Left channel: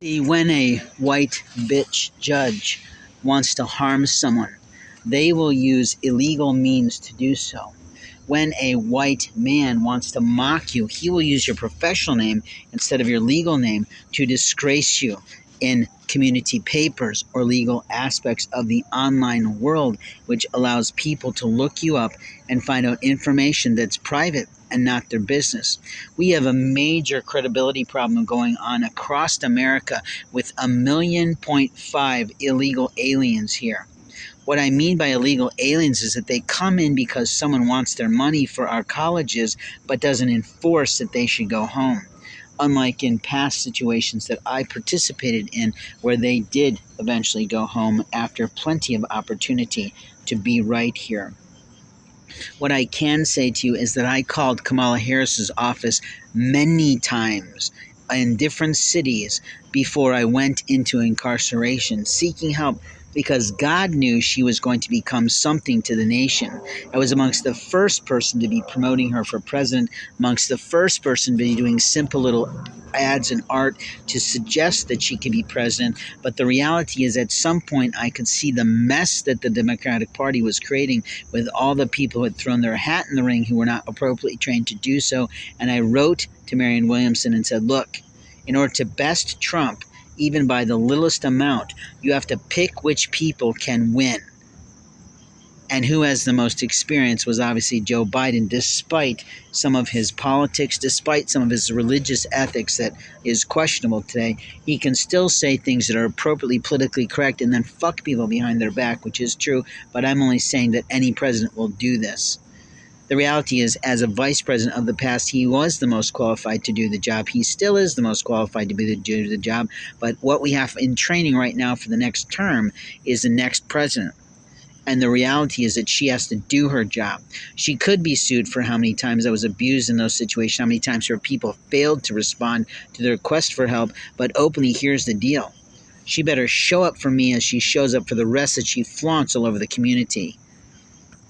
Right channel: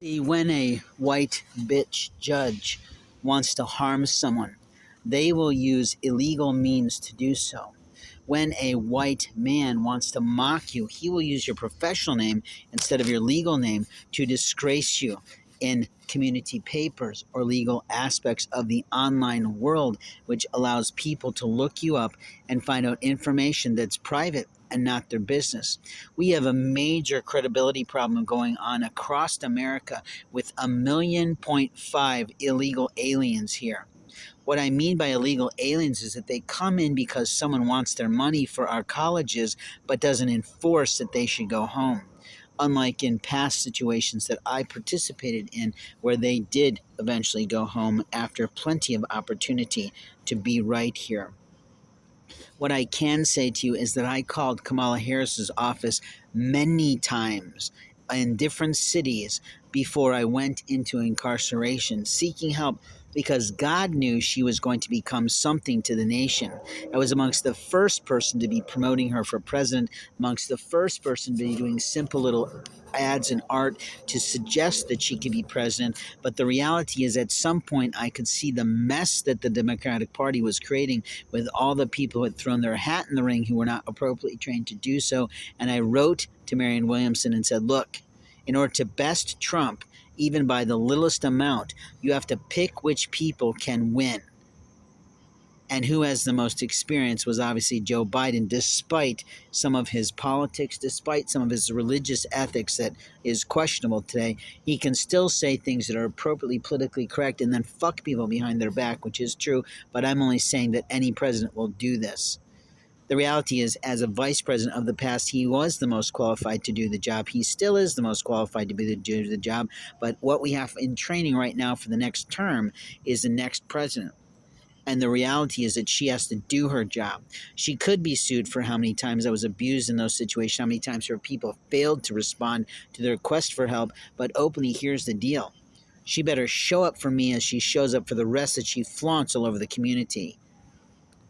See, when a white bitch judge wants to harm someone, they will use illegal means to do so. When a white man wants to mock you, he will use your professional name instead of your legal name to disgrace you in community papers or legal aspects of the online world, which allows people to look you up and find out information that's private and not their business. We have a major credibility problem going on across America with 1.5 million illegal aliens here. What I mean by illegal aliens is that they come in because someone wants their money for our colleges but doesn't enforce that they should go home. Unlike in past situations that I participated in where they did eventually go home after plenty of opportunity to be right here. What I can say to you is that I called Kamala Harris's office many times in different cities before I went into incarceration, seeking help because God knew she was going to become something to the nation. I was amongst the first person to be promoting her for president, amongst the first person to be doing simple little ads and art to suggest that she could be president. But the reality is, at some point, I could see the mess that the Democratic Party was creating with all the people who had thrown their hat in the ring who were not appropriately trained to do so. And I wrote to Marianne Williamson and said, look, in order to best Trump, even by the littlest amount, you have to pick which people can win. And who has the most experience was obviously Joe Biden, despite some of his politics, despite some of his religious ethics that is questionable today. He can still say things that are appropriately politically correct and then fuck people behind their back, which is true, but I'm only saying that any president will do this. The reality is, as a vice president of the past, he was the most qualified to do the job. He still is the most qualified to do the job. But what we have in training right now for the next term is the next president. And the reality is that she has to do her job. She could be sued for how many times I was abused in those situations, how many times her people failed to respond to the request for help. But openly, here's the deal. She better show up for me as she shows up for the rest that she flaunts all over the community.